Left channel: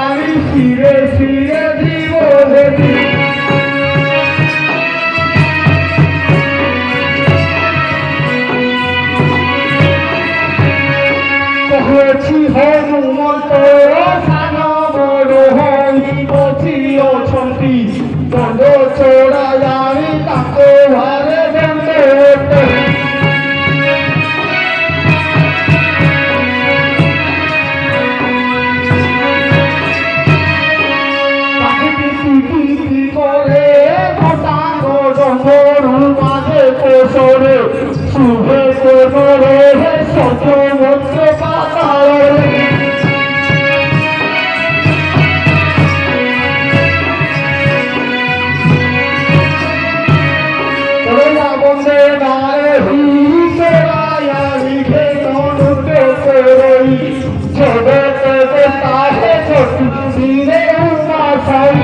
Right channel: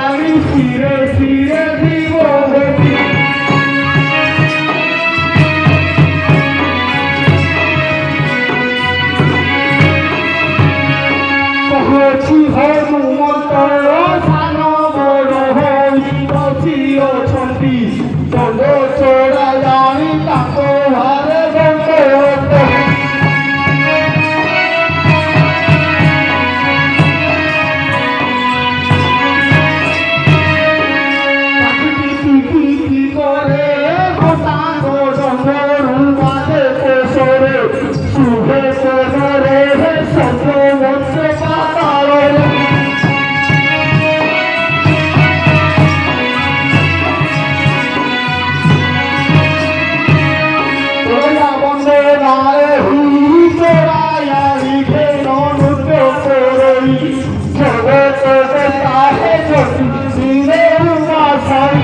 আমি ফিরে ফিরে জীবনে পৌঁছি হনুমন্ত সান বড় হই বসি অছন্তি দণ্ড চোরা জানি তাଙ୍କ ଘରେ ଦଣ୍ଡ করে ঘটাঙ্গ ডঙ্গরু মাঝে কোষরে শুভে কোষরে সত্য হচ্ছে পাতালে বন্দে গায়ে হিরায়া লিখে ননুতে করেই জগতে তাহে ছোটি দিনে উপাসাই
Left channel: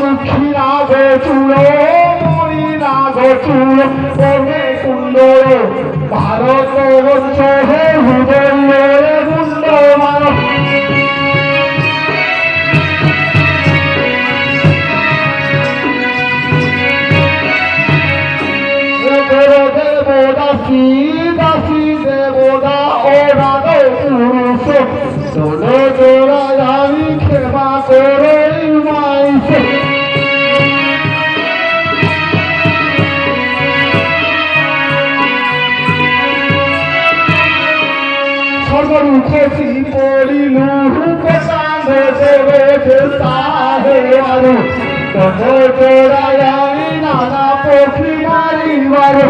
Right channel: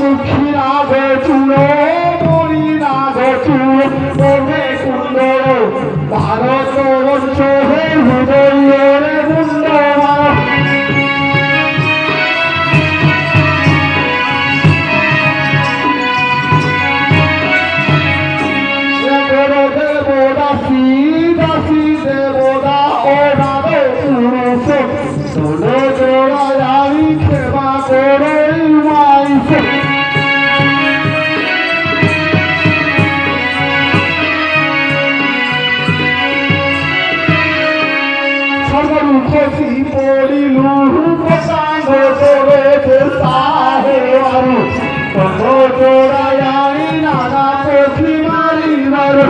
মুখিরাগে চূড়ো মরিরাগে চূড়ো পরে কুণ্ডল ভারত বর্ষ হে হৃদয়ে মুন্ডমাল দেবদাসী দাসী দেবদা ওরাদ পুরুষ দোলে জোড়া জানি ক্ষমা করে মাইছে সর্বরূপী পড়িলু কোটাঙ্গে দেবে তাহে মারু তোরা জানি নানা পক্ষী মারিবারু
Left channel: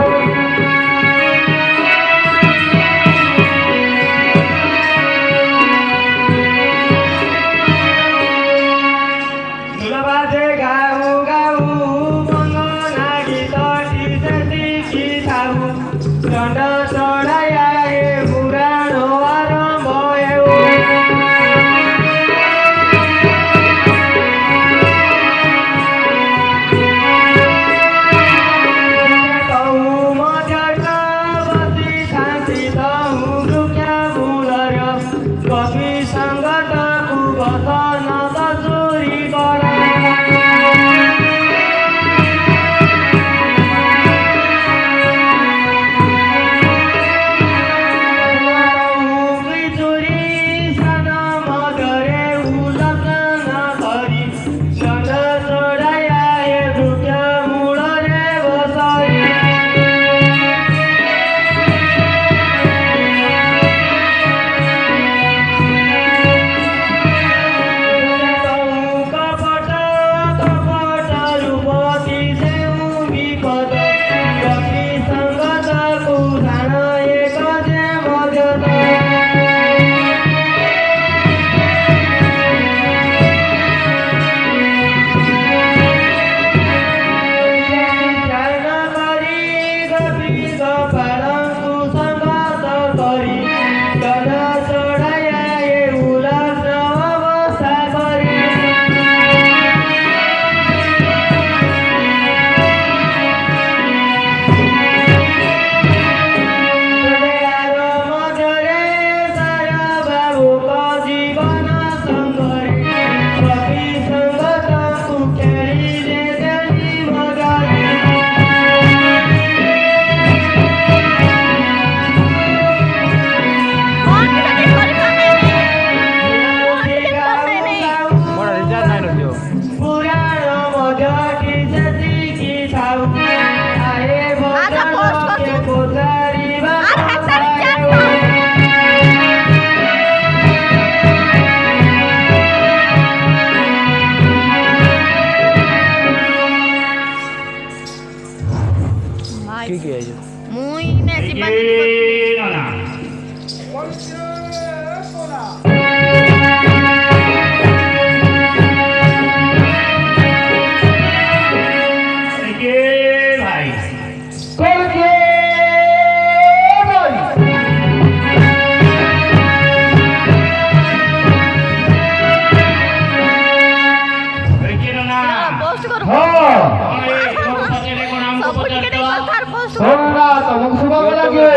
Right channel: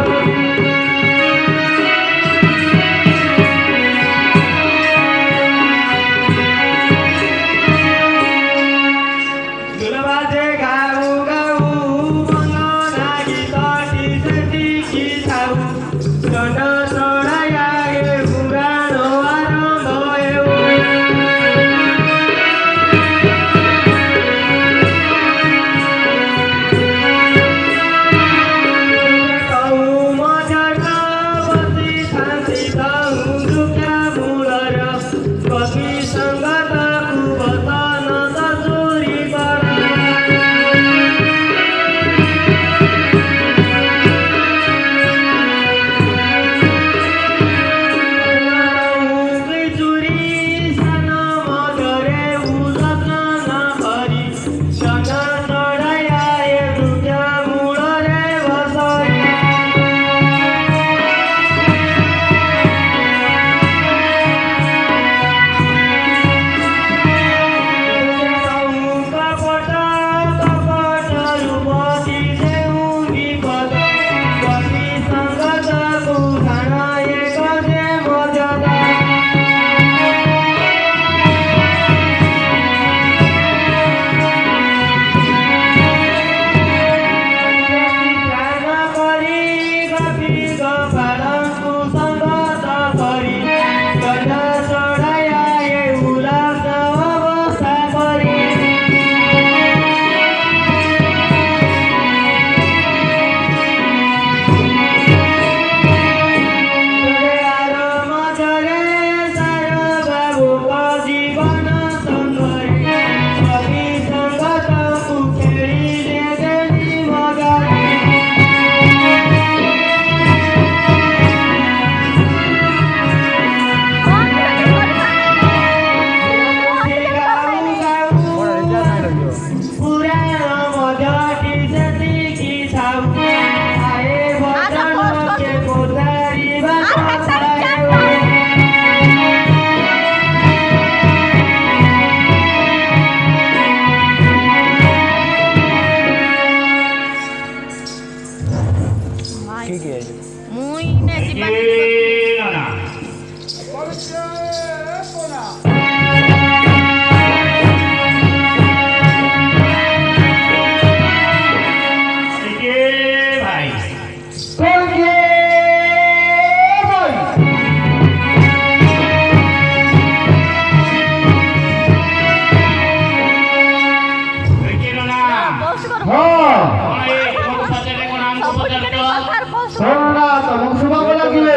ଶୁଣୁନା ତମକୁ ଶୁଭାଗ ଲାଗେ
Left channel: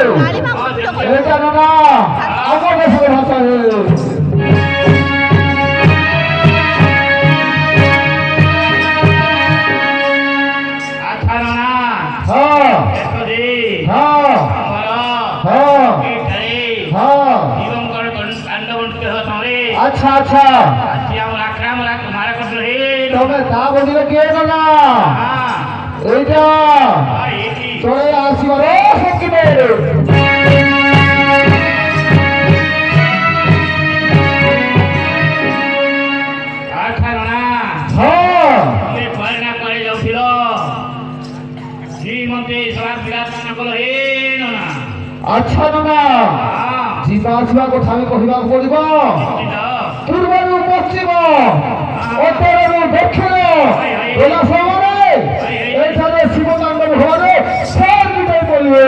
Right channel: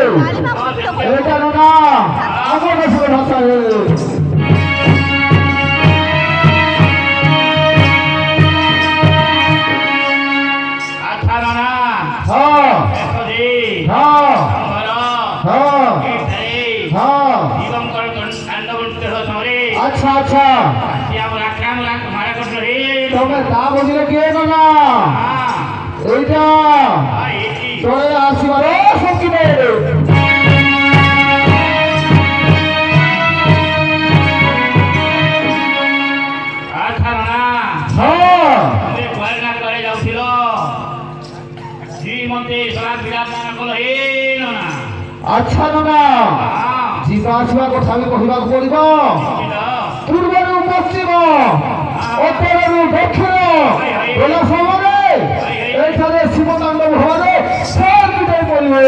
ଏଇଟା ନନା ଆମ ଦେଶର ଭାଷା ଆଚ୍ଛା ନନା ହଁ ଦେଖ ହଁ ଆମର ହଁ ହଁ ଜୀବଙ୍କର କାଣ୍ଡ ଅନୁଷ୍ଠିତ ସମୟରେ ଆଚ୍ଛା ଆଚ୍ଛା ଆସି ଆମର ଆକ୍ରମଣ ମାରା କରିଥିଲେ ତମେ ତା ବୁଝିଲେ କିଏ ନନା এইটা চলে আসিবার শক্তিতে আচ্ছা ননা হ্যাঁ তুমি কুয়ারে না কুয়ারে যাচ্ছিল শ্রীমন্তী সভা বিরাজমান কল হে ননা আচ্ছা ননা ଯିବା ଆସିବା କଥା ବି କହିବାକୁ ପଡିବ ପୂର୍ବରୁ ପଶ୍ଚିମ ଉତ୍ତରରୁ ଦକ୍ଷିଣ ଗଲା ସମୟରେ ଏଠାରେ ଶିବତାଣ୍ଡବ ହବାରେ ସର୍ବିତ ପଡ଼ିବେ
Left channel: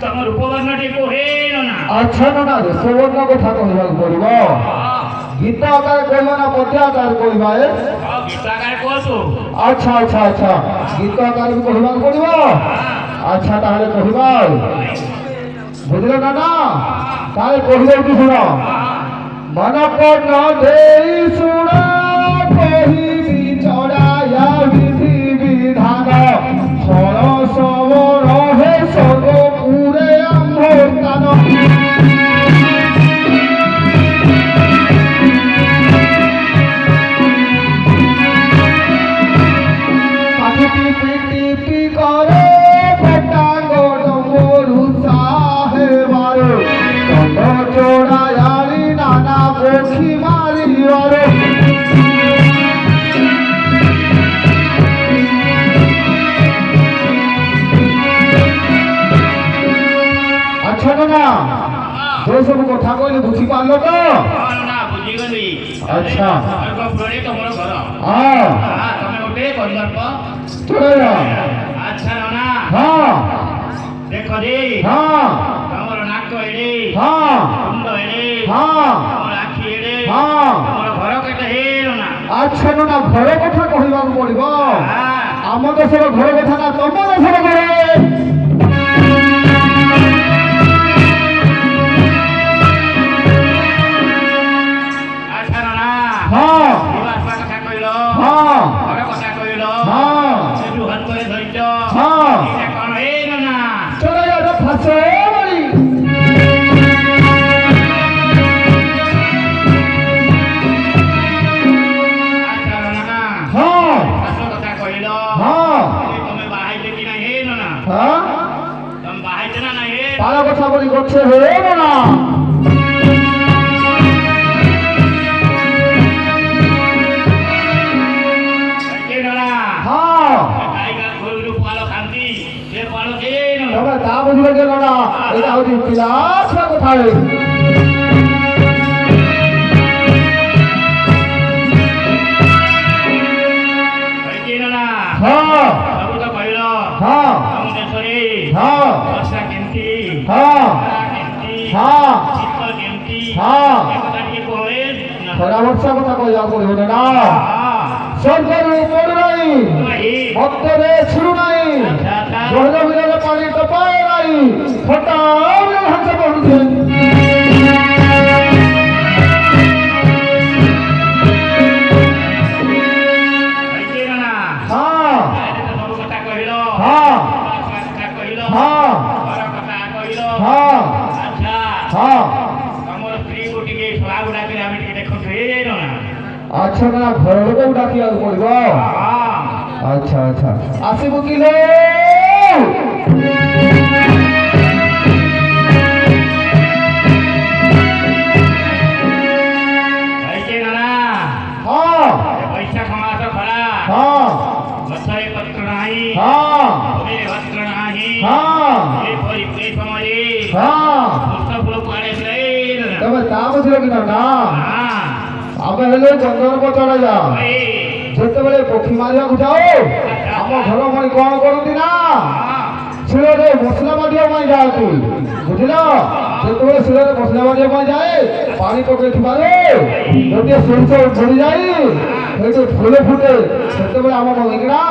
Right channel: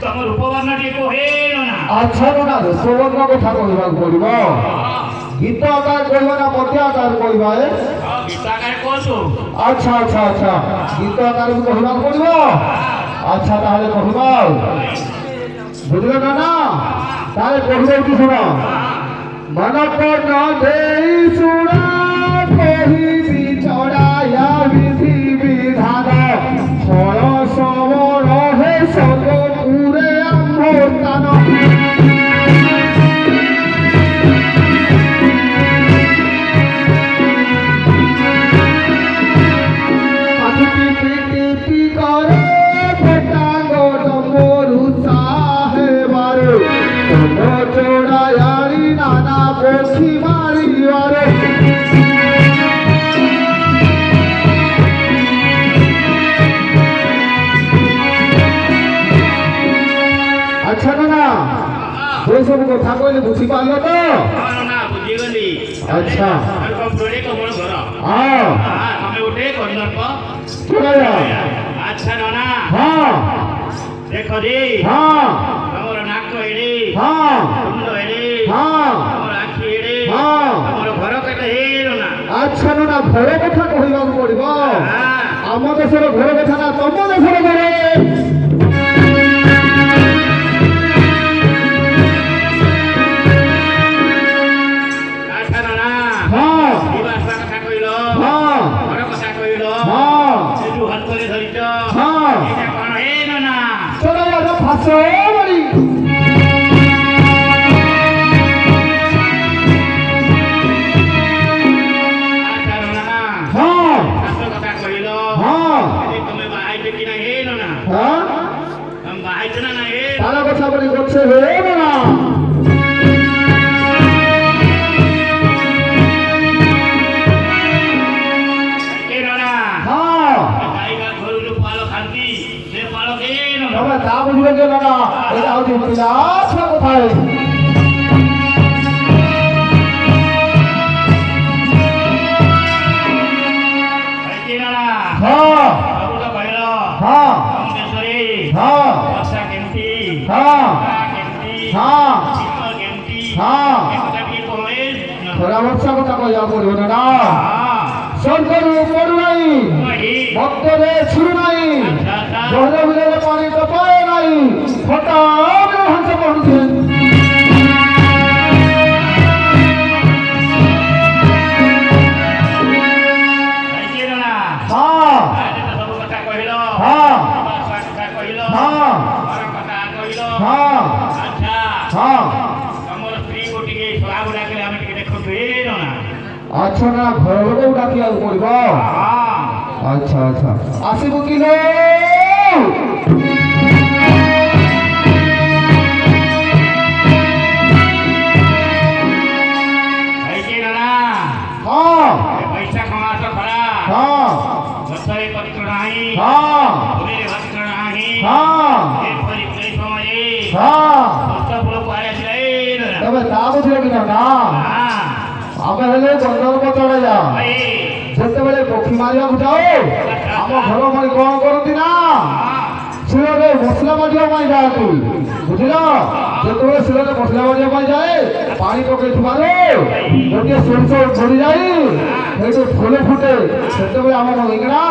ତମ ରୂପବର୍ଣ୍ଣ ଟିକେ ହେ ନନା ଆଚ୍ଛା ନନା ରୂପବର୍ଣ୍ଣ କଥା କହିବାକୁ ପଡିବ ଗୀତ ଆକାର କହିବ ନା ପଦ୍ୟ ଆକାର କହିବା ଗୀତ ଆକାର କହୁଛୁ ଆଚ୍ଛା ଆଚ୍ଛା ଆଚ୍ଛା ଗୀତ ଆକାର ବି କହିବାକୁ ପଡିବ ଆଚ୍ଛା ତାହେଲେ କହିବା ବୁଝିଲ ନା ତାହେଲେ କହିଦେଉଛି ଶୁଣ ମନ କର୍ଣ୍ଣ ଦେଇ ଶୁଣ କହିବି ଚଢାୟା ବିଧି ବିଧାନ ଫଳ ସବଳ হে সর্বপুরে আম্ভস্থান পাখি টিপি টিপি করে পেটাঙ্গ ডমরু সাহেবার দণ্ড চড়ায় আনি নানা পক্ষী মারিবার আচ্ছা না ଯୋଉ ସବୁ କଥା କହିଲେ ବୁଝିପାରିଲ ତ ନା ବୁଝିଗଲି ଆଚ୍ଛା କପୁରରେ ତମର ଘର ହଁ ତମେ ଗୋଟେ କନ୍ଦର୍ପ ଆଚ୍ଛା ନନା ହଁ ଦେଖ ରେ ହଁ ତମର ନାକ ଏଡେ ହଁ ମୁଣ୍ଡ ଏଡେ ହଁ ତମର ଆଖି ଏଡେ ହଁ ତମର ଘର କେତେ ହେ ନନା ଆଚ୍ଛା ନନା ଘର କଥା କହିବାକୁ ପଡିବ ଆମ ଦେଶର ଘର କଥା ନା ତମ ଦେଶର ଘର তারা কথা বলি করছে হে না তা বুঝবে যে না এটা হচ্ছে বিলাস কোথায় ଖରା ବର୍ଷା କଥା କହିବାକୁ ପଡିବ ନା ସ୍ୱର୍ଗରୁ ପଡୁ ନାହିଁ ଭକ୍ତରେ ଛୁରୁ ନାହିଁ ଜଳ ବିଲରେ ପାଣି ଟପାଏ ନାହିଁ ଫଟା ହଂସ ପଡୁଛି আচ্ছা না ঘর লোক ডাকিବାକୁ পড়িব আচ্ছা আচ্ছা আসিব কি লো বৈশাখ মাস খরা গছরে পত্র ନାହିଁ ফুলের পত্র ନାହିଁ এপরি সময়ে পুষ্প ফুল কুଆଡେ ଆସିଲା তবে তা বুঝলে কিনা না ଆମେ ହେଲେ ଜଙ୍ଗଲକୁ ଚଳେଇବା ଯେତେବେଳେ ପକ୍ଷୀ ମାରିବାକୁ ଯାଉ ଆମ ଘର ଭଳି କଣ କରନ୍ତି ନା ଶିଳରେ ମସଲା ବାଜିବା ପାଇଁ ଯାଆନ୍ତି ବୁଝିଲ ଯେତେବେଳେ ଶିଳରେ ମସଲା ବାଜିବା ପାଇଁ ଯାଏ ପାଣି ପକେଇଥିବାରୁ ଗୋଟିଏ ସୋରିଷ ଧରି ଯାଇ ସେଇଠି ଫୁଲ ଫୁଟେ ସେତେବେଳେ ଆମ ଇଂରା